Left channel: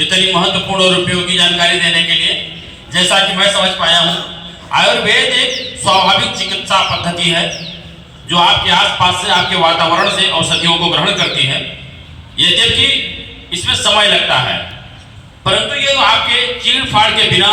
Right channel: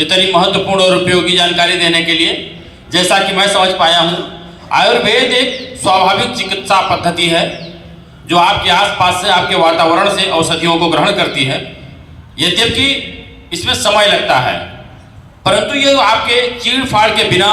इतनी महत्वपूर्ण और उपयोगी जानकारी देने के लिए। जैसा कि मैं समझ पाया हूँ, आयुर्वेद एक स्वाभाविक चिकित्सा पद्धति है जो आपके आसपास से, आपके वातावरण से औषधियों को ग्रहण करती है। यद्यपि इसमें समय लगता है, परंतु ये आपके चीड़ फाड़ के बिना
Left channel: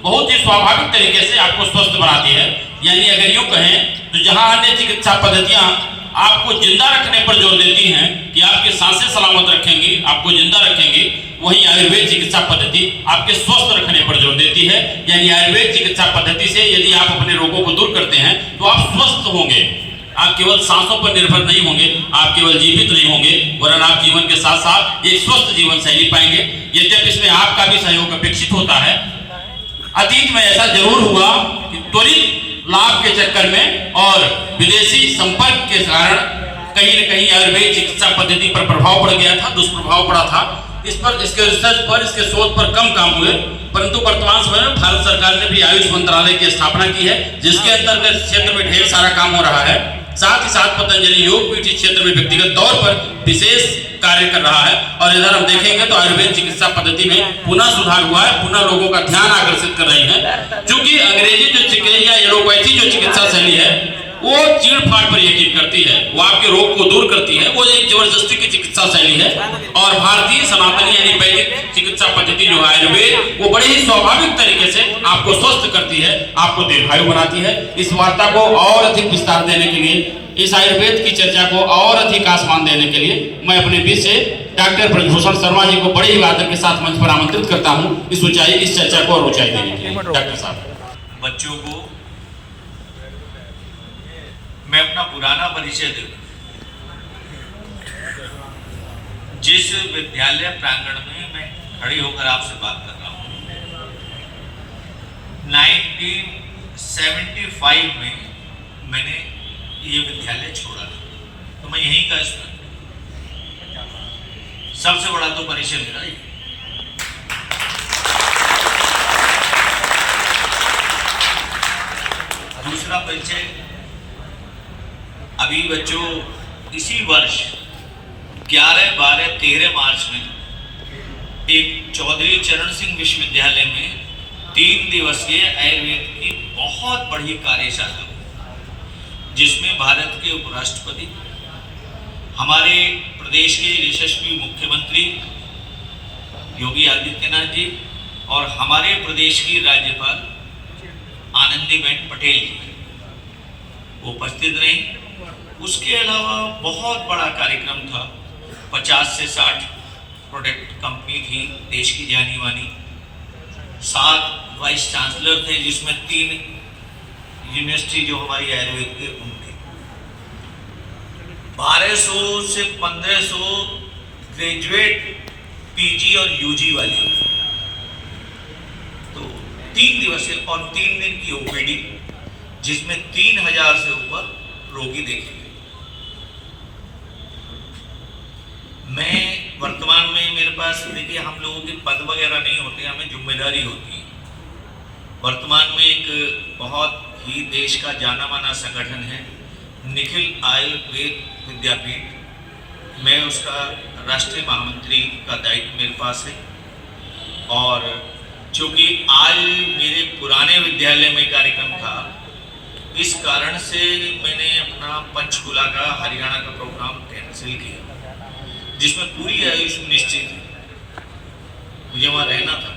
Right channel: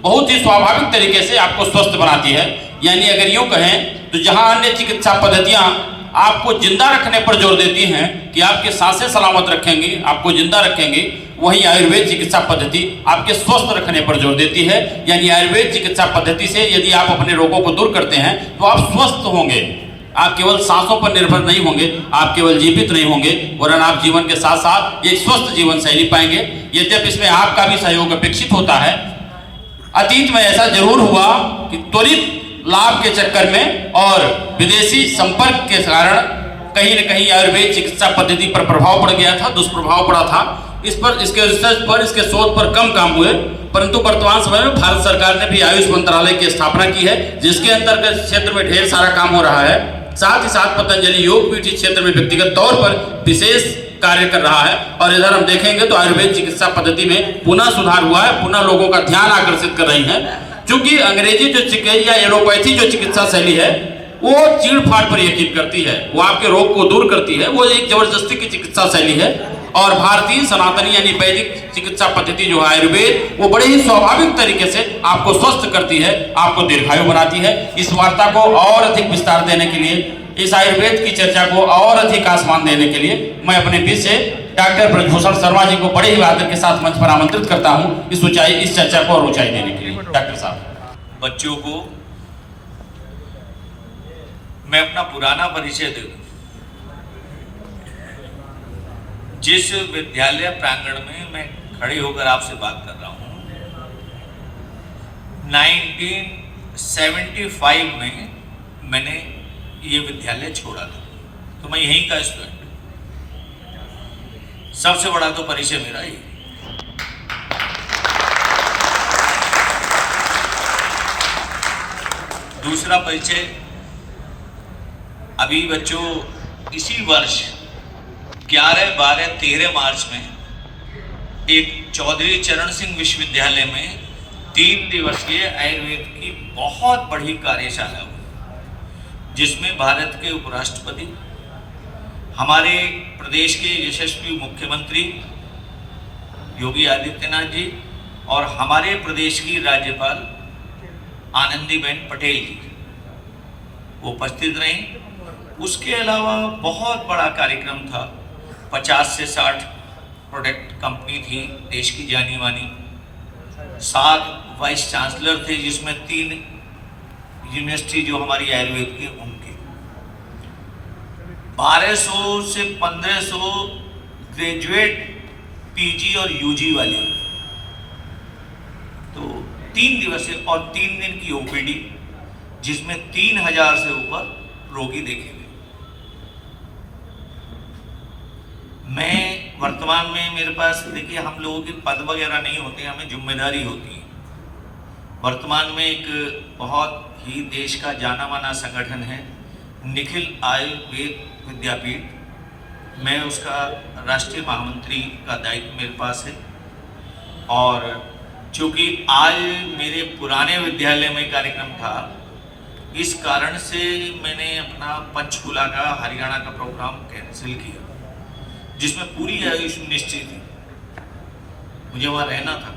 बहुत ही स्वाभाविक तरीके से आपको स्वस्थ बनाती है। यानी अगर यूँ कहें तो जहाँ अन्य चिकित्सा पद्धतियाँ आपको जिंदा रखने पर जोर देती हैं कि आपके सांसें सलामत रखेंगी, आपको जिंदा रखेंगी, वहीं आयुर्वेद चिकित्सा पद्धति आपके स्वस्थ रखने पर जोर देती है। यानी आयुर्वेद चिकित्सा पद्धति से यदि आप अपने रोगों को दूर करते हैं तो आप स्वस्थ होंगे। आप केवल सांसों पर निर्भर नहीं होंगे, आप केवल जीवित नहीं होंगे, वरन आप जीवन के साथ साथ एक स्वस्थ जीवन शैली पाएंगे। यद्यपि इसमें आपका भी सहयोग अपेक्षित होता है। अतीत में ऐसा जरूर हुआ कि त्वरित लाभ के चक्कर में और विदेशी संपर्क के कारण कहीं न कहीं आयुर्वेद चिकित्सा पद्धति पर प्रभाव पड़ गया था, दुष्प्रभाव पड़ा था। इस पर, इसके रिसर्च पर, इसके शोध पर कम काम हुए, परंतु वर्तमान समय में भारत सरकार ने भी आयुष मंत्रालय की स्थापना की है, जिसके अंतर्गत क्षेत्र में ढेर सारा काम हो रहा है। साथ ही साथ पतंजलि योग पीठ क्षेत्र में व्यक्तिगत तौर पर विशेष कार्य कर रहा है। और इधर हम देखेंगे तो आयुर्वेद चिकित्सा पद्धति में पुनः सुधार हुआ है, पुनः लोगों का ध्यान आकर्षित कर रही है। क्योंकि अंग्रेजी जो चिकित्सा या एलोपैथी जो चिकित्सा शैली है वो चीड़ फाड़ पर यकीन करती है, वो आपके रोग को दूर करती है, वो एक जबरदस्ती की चिकित्सा शैली है। और भारतीय सनातनी यानी वैदिक चिकित्सा पद्धति जो है आयुर्वेद, वो बड़े ही स्वाभाविक तरीके से आपको स्वस्थ करती है, आपको दीर्घायु बनाती है। इस वार्ता को और अधिक विस्तार देने के लिए, इस आयुर्वेद की चर्चा को और अधिक आसमान देने के लिए मैं अपने बीच से डॉक्टर ब्रजभूषण शर्मा जी को बड़े ही आदर के साथ मंच पर आमंत्रित करता हूँ इस चर्चा को और ऊंचाई देने के लिए। डॉक्टर साहब, बच्चों को मैं अपना पुराना परिचय दे दूं। जिस विद्यालय प्रांगण में मैं खड़े होकर आपसे बात कर रहा हूं, 1975 में मैंने ये विद्यालय छोड़ा था, तो मैं यहीं का स्टूडेंट। सबसे बड़ा तो परिचय मेरा ये। दूसरा परिचय, अभी बच्चों इसी वर्ष 11, 12, 13 मार्च में एक चौधरी चरण सिंह विश्वविद्यालय में 3 दिवसीय आयुर्वेद की बहुत बड़ी कार्यशाला हुई, जिसमें भारत के उपराष्ट्रपति, हमारे प्रदेश के यशस्वी मुख्यमंत्री योगी आदित्यनाथ जी और हमारे प्रदेश की राज्यपाल आनंदीबेन पटेल जी वो उपस्थित रहीं। उसके अलावा बहुत बड़ा कार्यक्रम था, 50 से 60 प्रोडक्ट कंपनी थी देश की जानी मानी, 7 वाइस चांसलर थे, जिसमें 3 यूनिवर्सिटी जो हमारी आयुर्वेद की उनकी, 1200 से 1500 ग्रेजुएट पीजी और यूजी वाले, तो 3 दिवसीय और 3 दिन की ओपीडी, जिसमें 3000 से ऊपर रोगी देखे गए। मैं वर्तमान में, मेरे पास देखिए, हम लोगों की पद वगैरह नहीं होते, हमें जिम्मेदारी होती है। वर्तमान में एक बहुत ही देश का जाना माना संगठन है निखिल आयुर्वेद विद्यापीठ, मैं उसका राष्ट्रीय महामंत्री का दायित्व मेरे पास है। और चूँकि आज मेरे पुराने विद्यालय में कार्यक्रम था, इस कारण से मैंने अपना पंचकुला का, हरियाणा का प्रोग्राम कैंसिल किया, जिसमें पूरी आयुष निश्चित थी, मुझे वहाँ रहना था।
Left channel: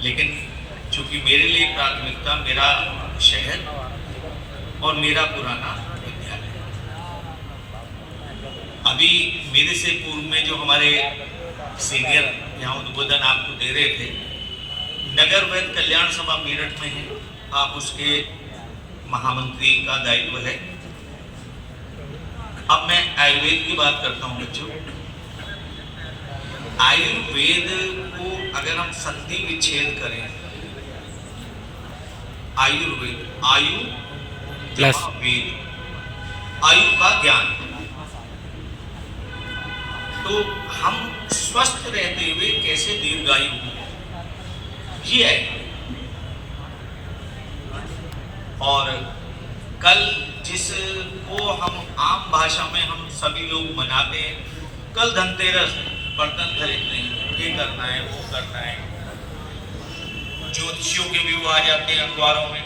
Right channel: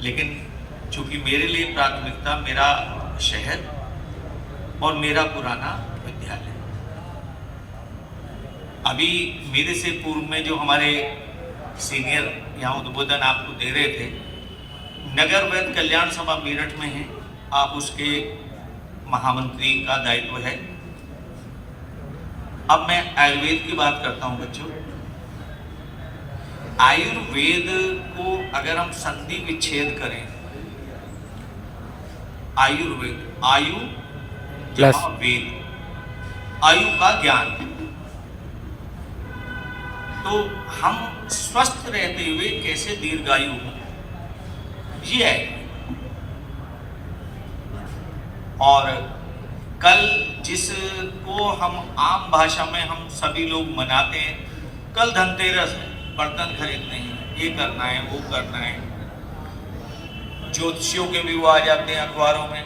लेकिन चूँकि मेरे लिए प्राथमिकता मेरा शहर और मेरा पुराना विद्यालय। अभी मेरे से पूर्व में जो हमारे सीनियर यहाँ उद्बोधन आपको दे रहे थे, नगर वैद्य कल्याण सभा मेरठ में है, आप उसके महामंत्री का दायित्व है। अब मैं आयुर्वेद की बात करता हूँ बच्चों। आयुर्वेद को अगर हम संधि विच्छेद करें, आयुर्वेद, आयु प्लस वेद, आयु का ज्ञान, तो हम स्वस्थ रहते हुए कैसे दीर्घायु हों, ये है। और कल जिसको हम आम भाषा में हम सभी लोग मनाते हैं, कल धनतेरस, बर्तन खरीदते हैं, ये करना है, वो करना है। ज्योतिषियों के भी वो आ जाते हैं अखबारों में,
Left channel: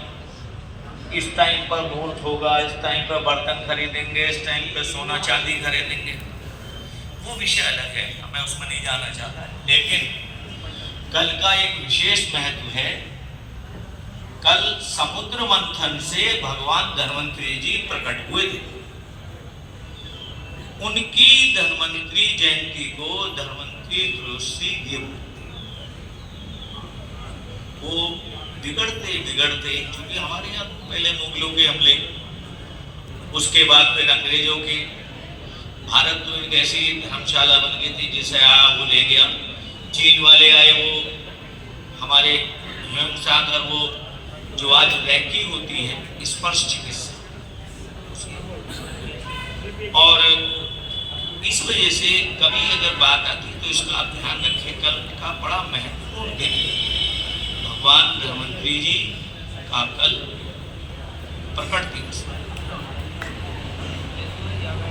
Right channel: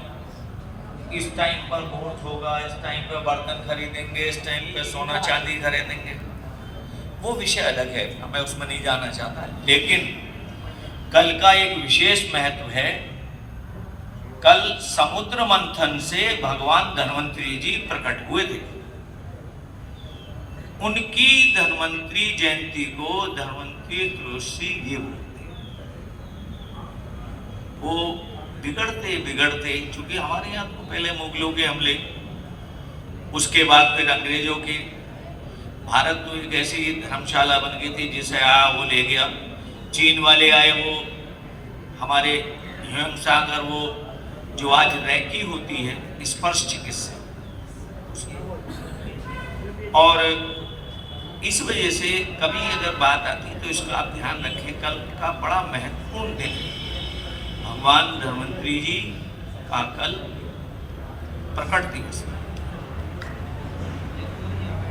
इस टाइम पर मुहूर्त होगा, इस टाइम पर बर्तन खरीदेंगे, इस टाइम पर सोना चांदी खरीदेंगे। वो विषय अलग है, मैं उसमें नहीं जाना चाहता। लेकिन कल का एक विशेष महत्व है। कल समुद्र मंथन से भगवान धन्वंतरी जी प्रकट हुए थे। उनकी धन्वंतरी जयंती को धन्वंतरी त्रयोदशी ये बोलते हैं। वो बिगड़ते बिगड़ते, क्योंकि हमारे यहाँ तो पहले मुगलों के हमले, उसके बाद फिर अंग्रेजों के, भारत तो एक ऐसी धर्मशाला बन गई थी, जिसे आया वो ले गया। चीन वाले आए, वो हमारे हिमसागर, वो जो आज रैकी होती है स्पर्श चिकित्सा, और इस वजह से कभी अगर बात आती है तो इसका आप ध्यान रखें। कल का बड़ा महत्वपूर्ण दिन, भगवान धन्वंतरी जी का कल प्रकट दिवस।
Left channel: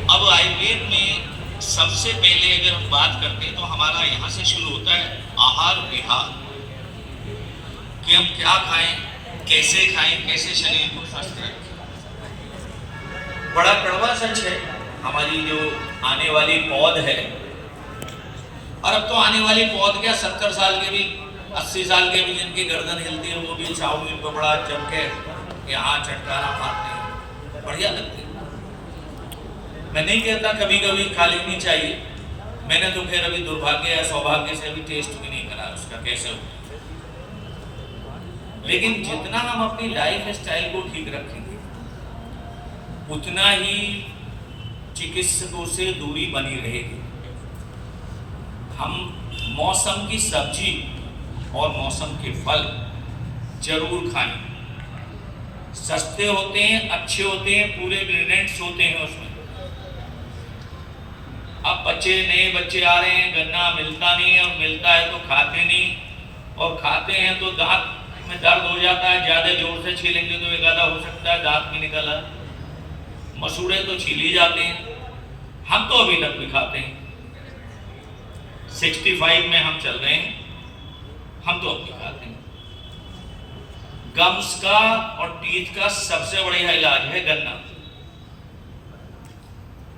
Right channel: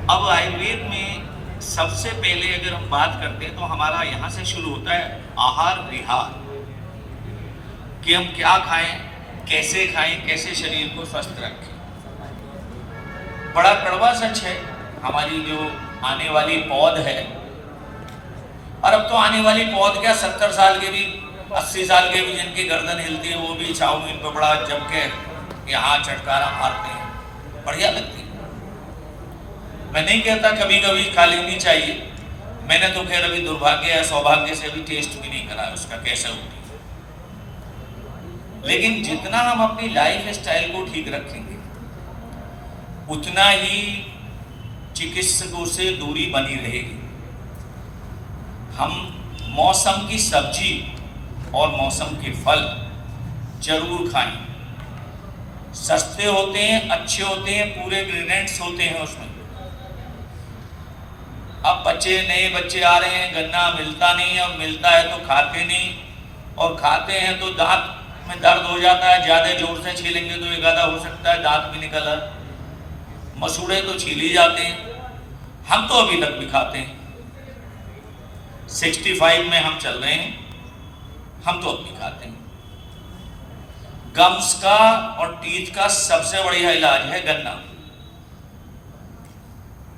अब आयुर्वेद में सबसे पहले अगर हम बात करते हैं तो हमारा यहाँ से शुरू होता है आहार विहार, कि हम क्या खाएं, कैसे खाएं, कैसे शरीर को स्वस्थ रखें। बड़ा कड़वा सच है, हमारी जो आने वाली पौध है, और अब तो आने वाली पौध क्या, 70 साल के भी, 80 साल के भी जिनकी गर्दन हिलती है, वो भी चाउमीन पर बड़ा जम के यहाँ चटकारा मारते हैं, बढ़िया लगती है। मैं नहीं कहता कभी कभी खा लेनी चाहिए, मैंने तो खैर अभी दुर्भाग्य या सौभाग्य से अभी टेस्ट भी नहीं करा उसका कैसे हो। लेकिन जितना हम अपनी लाइफ स्टाइल को ठीक रखेंगे, उतना ही चिकित्सकों से दूरी बनी रहेगी। हम मौसम की सब्जी और मौसम के फल जरूर खाएं। सस्ते होते हैं, अच्छे होते हैं, पूरे इंग्रेडिएंट्स होते हैं उसमें। अब नए बच्चे आ रहे हैं, गन्ना मिलता नहीं, अब मिलता है तो खाते नहीं, और खाते हैं तो दांत में दर्द हो जाता है, ज्यादा जोर से छीलेंगे तो एक आधा हो सकता है दांत भी निकल आए। मसूड़े तो छील ही जाते हैं, हम तो अभी तक भी खाते हैं। 65 में हम चल रहे हैं, हम तो अभी खाते हैं। गम्स का और टीथ का सबसे बढ़िया इलाज है गन्ना।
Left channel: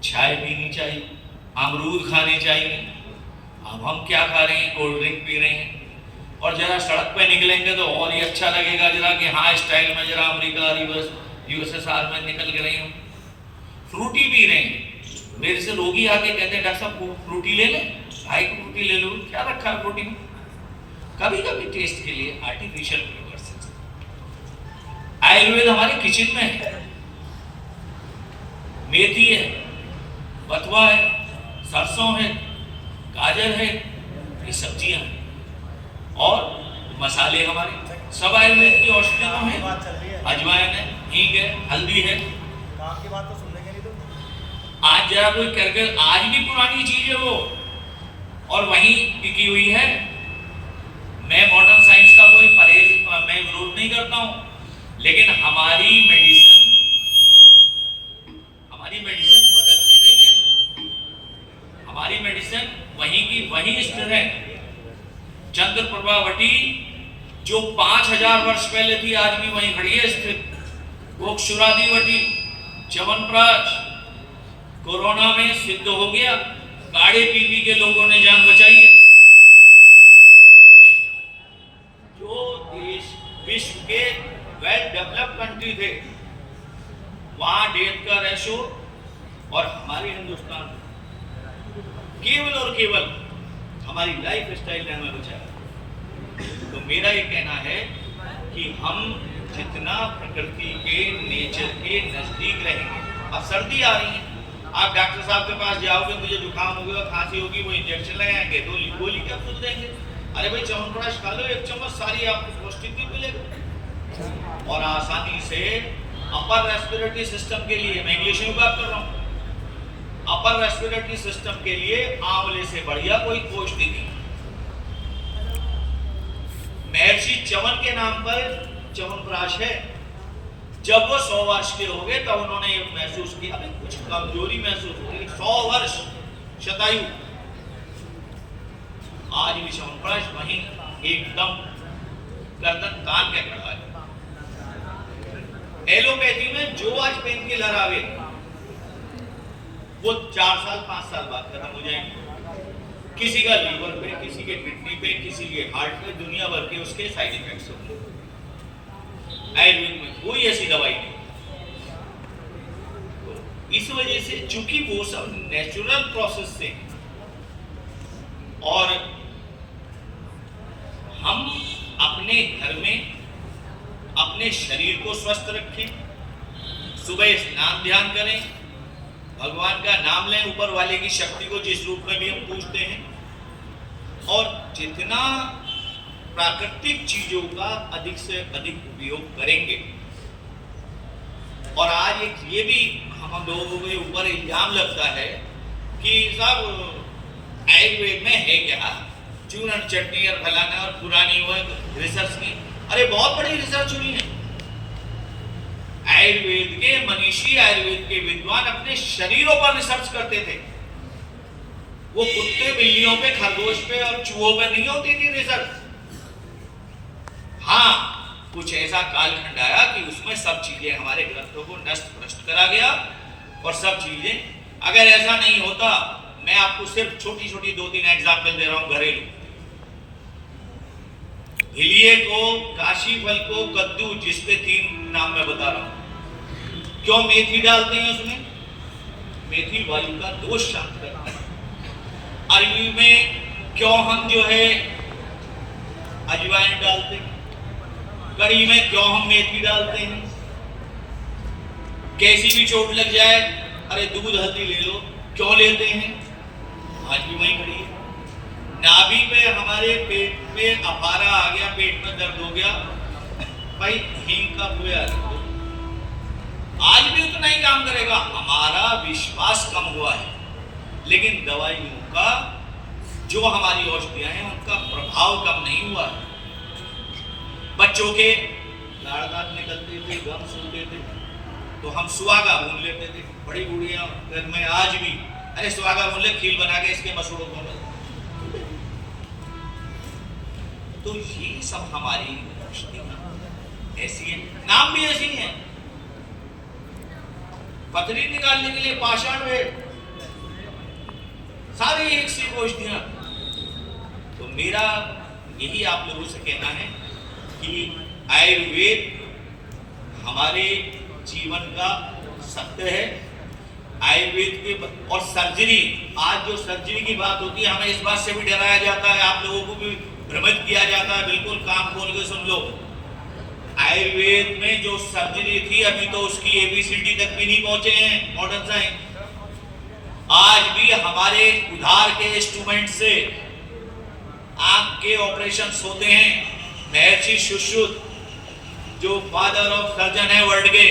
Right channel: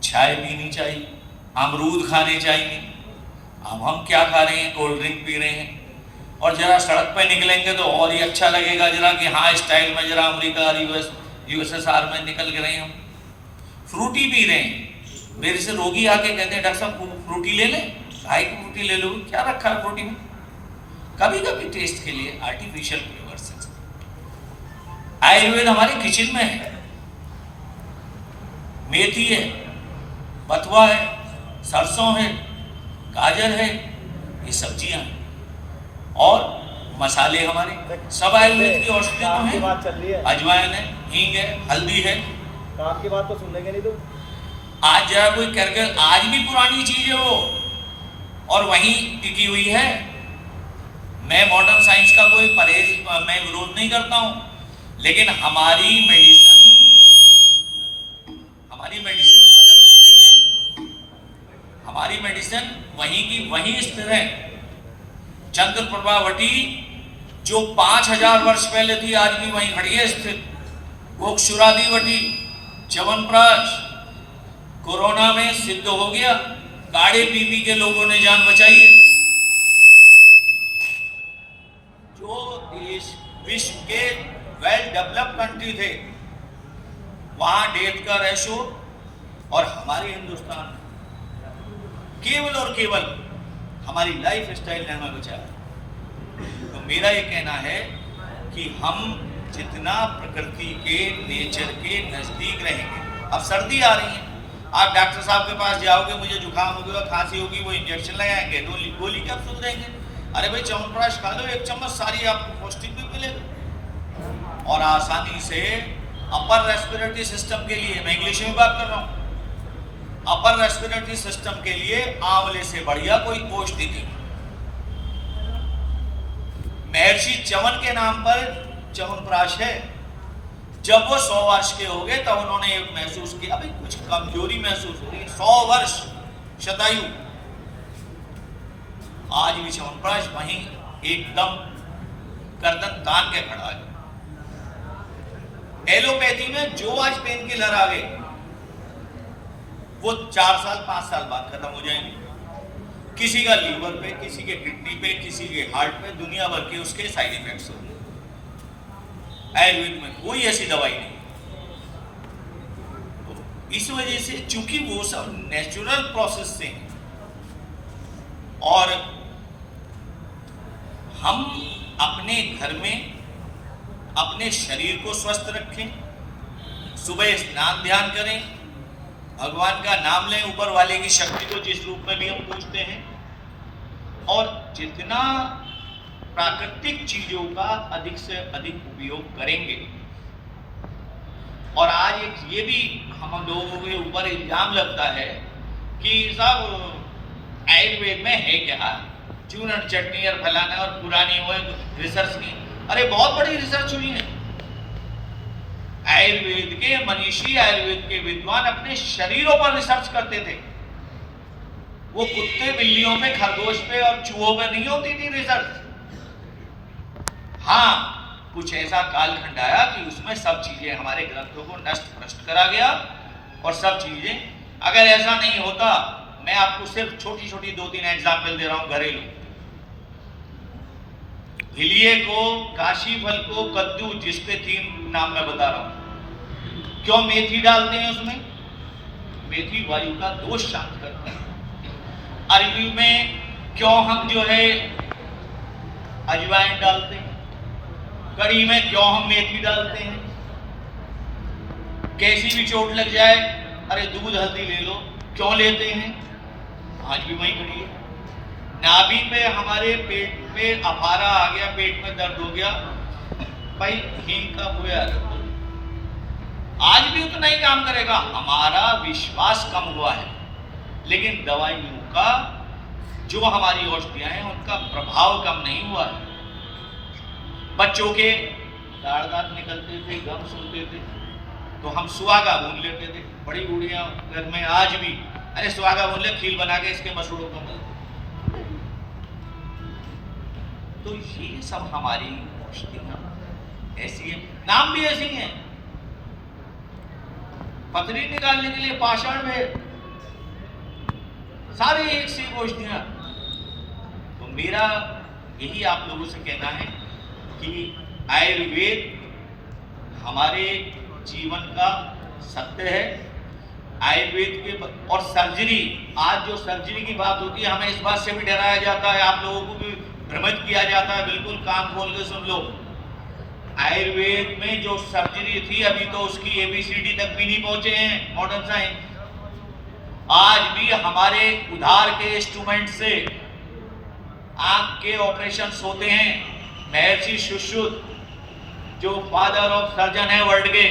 चाय पीनी चाहिए, अमरूद खाने चाहिए। अब हम क्या खा रहे हैं, कोल्ड ड्रिंक पी रहे हैं, और जरा सड़क पे निकलेंगे तो और ही अच्छा लगेगा जरा, कि हाँ स्टाइल में जरा अमेरिका और यूएसएसआर में निकल गए हम। फ्रूटी पी रहे हैं, मेरे से रोगी आके कहते हैं डॉक्टर साहब फ्रूटी ले लें, ढाई की फ्रूटी ले लो, क्या रखा है फ्रूटी में। कभी कभी टेस्ट के लिए आर्टिफिशियल फ्लेवर्स। आयुर्वेद हमारे किचन में है, मेथी है, बथुआ है, सरसों है, गाजर है, ये सब्जियां हैं, और मसाले हमारे सब आयुर्वेद की औषधियों हैं। अजवाइन है, हींग है, हल्दी है। तो आपकी बात तो सुनेंगे नहीं तुम। आज जरा कोई करके, आज भी पुरानी चीज है वो, और वहीं टिकी हुई है। मैं मॉडर्न साइंस का कोई परहेज, मैं विरोध नहीं करता हूं, लेकिन हमारी मेडिसिन बदलती नहीं है। हमारी मेडिसिन वहीं की वहीं स्थिर है। चंद्र प्रभावती जो 5000 वर्ष पहले थी, आज भी वहीं खड़ी है स्थिर। गोक्षुरादिवटी, च्यवनप्राश कोरोना में सिद्ध हो गया, काढ़े पी पी के लोगों ने जान बचाई है। जो देश विश्व के वेल डेवलप्ड कंट्री थे, वहां डेथ का रेशो, और हमारे हिंदुस्तान में केवल और केवल हमारी लाइफ स्टाइल ने हमें बचाया। तो मेरा ये कहना है कि हम जितना प्रकृति के, नेचर के नजदीक रहेंगे। अब सर्दी आ रही है, आप डॉक्टर साहब के पास जाओगे, मुझे जुकाम हो गया, खांसी होगी, वो इंजेक्शन लगाएंगे, गोली कैप्सूल देंगे। अरे भाई च्यवनप्राश खा लो 1 चम्मच, सारी आपको पौष्टिक भी मिलेगा। और आसानी से अपर रेस्पिरेटरी सिस्टम के लिए, मैं इंग्लिश में बात कर रहा हूँ, अपर रेस्पिरेटरी सिस्टम के लिए आंवले से बढ़िया कोई पौष्टिक नहीं। महर्षि च्यवन के नाम पर च्यवनप्राश है। जब वो 100 वर्ष के हो गए तब उन्होंने महसूस किया भाई कुछ कमजोरी महसूस हो रही है। 100 वर्ष शतायु, आज भी च्यवनप्राश वहीं एकदम गर्दन तान के खड़ा है। एलोपैथी में जो आज पेन किलर आ गए वो 4 साल 5 साल बाद खत्म हो जाएंगे। किसी का लीवर पे, किसी के किडनी पे, किसी के हार्ट पे, दुनिया भर के उसके साइड इफेक्ट्स होंगे। आयुर्वेद में कोई ऐसी दवाई नहीं। तो इस वजह से चूंकि वो सब नेचुरल प्रोसेस से हैं और हम अपने घर में अपने शरीर को स्वस्थ रखें, सुबह स्नान ध्यान करें, भगवान का नाम लें, ऊपर वाले की शक्ति को जिस रूप में भी हम पूजते हैं, और जितना प्राकृतिक चीजों का अधिक से अधिक उपयोग करेंगे। और आज एक ये भी हम लोगों के ऊपर इल्जाम लगता है कि साहब आयुर्वेद में है क्या, चूरन चटनी और फलाना और पुरानी हुए रिसर्च नहीं। अरे बहुत बड़ी रिसर्च हुई है। आयुर्वेद के मनीषी, आयुर्वेद के विद्वान अपने शरीरों पर रिसर्च करते थे। वो कुत्ते, बिल्लियों पे, खरगोश पे और चूहों पे नहीं होती थी रिसर्च। हाँ, कुछ ऐसा कालखंड आया कि उसमें सब चीजें हमारे ग्रंथों को नष्ट भ्रष्ट करा गया और सब चीजें। अगर ऐसा नहीं होता, मैं आपको सिर्फ छोटी छोटी 2-3 एग्जाम्पल दे रहा हूं घरेलू। हिलिये को, काशी फल को, कद्दू, जिसपे 3 नाम मैं बता रहा हूं। क्यों मेथी डालते हैं उसमें? मेथी वायु का दोष शांत करता है। अरबी में क्यों हम जो है अजवाइन डालते हैं? कड़ी में क्यों हम मेथी डालते हैं? कैसी भी चोट लग जाए, अरे दूध हल्दी ले लो, क्यों लेते हैं? आज भी वही करिए। नाभि पे हमारे पेट में अफारा आ गया, पेट में दर्द हो गया, भाई हींग का बोया रखो, आज भी उतना ही काम करेगा। हमारा विश्वास कम हुआ है, लेकिन दवाइयों का जो हमारी औषधियां हैं उनका प्रभाव कम नहीं हुआ है। बच्चों के दाढ़ दांत निकलते थे, गम सूखते थे, तो हम सुहागा भून लेते थे। बड़ी बूढ़ियां घर में आज भी, अरे सुहागा भून ले, खीर बना के इसके मसूड़ों को मल। तो ये सब हमारी औषधियां ऐसी हैं, नाम भी ऐसी हैं। पथरी निकालने के लिए पाषाण वेद, सारे एक से औषधियां। तो मेरा यही आप लोगों से कहना है कि आयुर्वेद हमारे जीवन का सत्य है। आयुर्वेद के और सर्जरी, आज जो सर्जरी की बात होती है, हमें इस बात से भी डराया जाता है, आप लोगों को भी भ्रमित किया जाता है। बिल्कुल कान खोल के सुन लो। आयुर्वेद में जो सर्जरी थी, अभी तो उसकी ABCD तक भी नहीं पहुंचे हैं मॉडर्न साइंस। आज भी हमारे उधार के इंस्ट्रूमेंट से आंख के ऑपरेशंस होते हैं। महर्षि सुश्रुत जो फादर ऑफ सर्जन है वर्ल्ड के,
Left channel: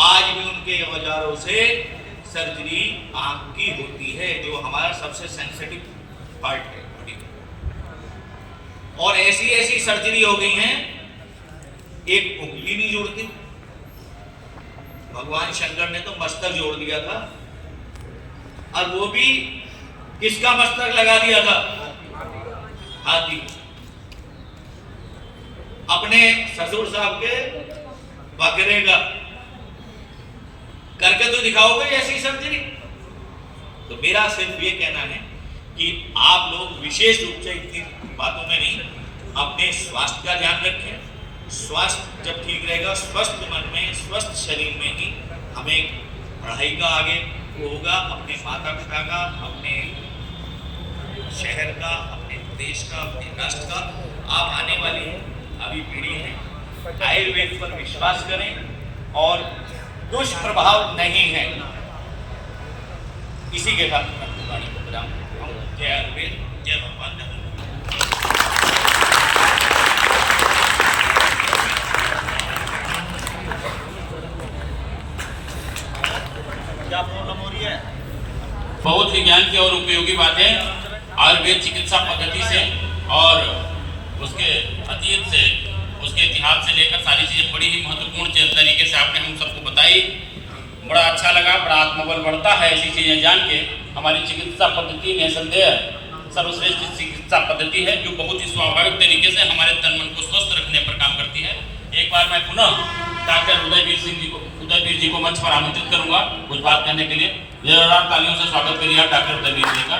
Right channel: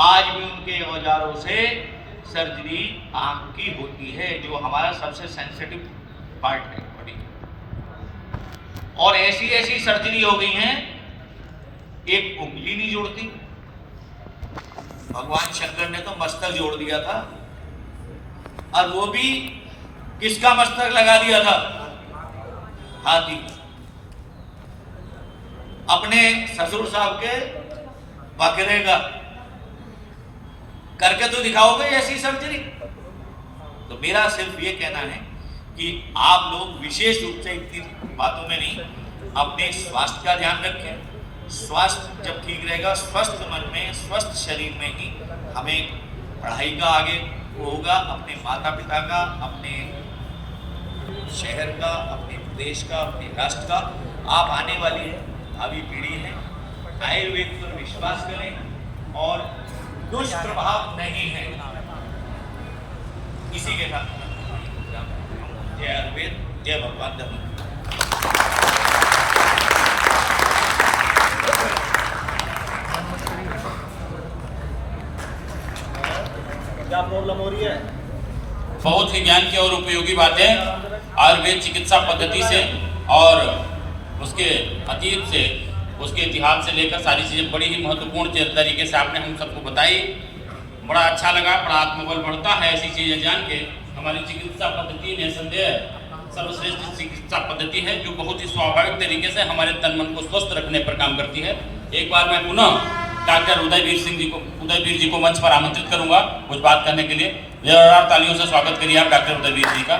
आज भी उनके औजारों से सर्जरी आंख की होती है, जो हमारा सबसे सेंसिटिव पार्ट है बॉडी का। और ऐसी ऐसी सर्जरी हो गई हैं, एक उंगली नहीं जोड़ती। भगवान शंकर ने तो मस्तक जोड़ दिया था, और वो भी किसका मस्तक लगा दिया था? हाथी। अपने ससुर साहब के बकरे का। करके तो दिखाओगे ऐसी सर्जरी? तो मेरा सिर्फ ये कहना है कि आप लोग विशेष रूप से इतनी बातों में नहीं, अपने स्वास्थ्य का ध्यान रखें। स्वास्थ्य जब ठीक रहेगा, स्वस्थ मन में, स्वस्थ शरीर में ही हमें पढ़ाई का आगे वो होगा, अपने माता पिता का, अपने शहर का, अपने देश का, अपने राष्ट्र का। आप आने वाली है अभी पीढ़ी है, आयुर्वेद पर विश्वास करें और दुष्प्रभाव नहीं है। इसी के साथ जय आयुर्वेद, जय भगवान धर्म। क्या प्रॉब्लम हो रही है? बहुत ही ज्ञान की और उपयोगी बातें आयुर्वेद चिकित्सा पद्धति से और उसके अतीत से, उसके इतिहास से लेकर सारी चीज़ें बड़ी ही महत्वपूर्ण तरीके से आपने हम सबको बताई। बड़ा अच्छा लगा, बड़ा आत्मबल बढ़ता है ऐसी चीज़ें जान के। हमारी चिकित्सा पद्धति निसंदेह सर्वश्रेष्ठ चिकित्सा पद्धति है जो बहुत ही स्वाभाविक तरीके से हमारे तन मन को स्वस्थ रखने पर काम करती है। एक बार मैं पुनः डॉक्टर उदयवीर जी को मंच पर आमंत्रित करूंगा कुछ बात करने के लिए। जोरदार तालियों से स्वागत करिए आप डॉक्टर उदयवीर जी का।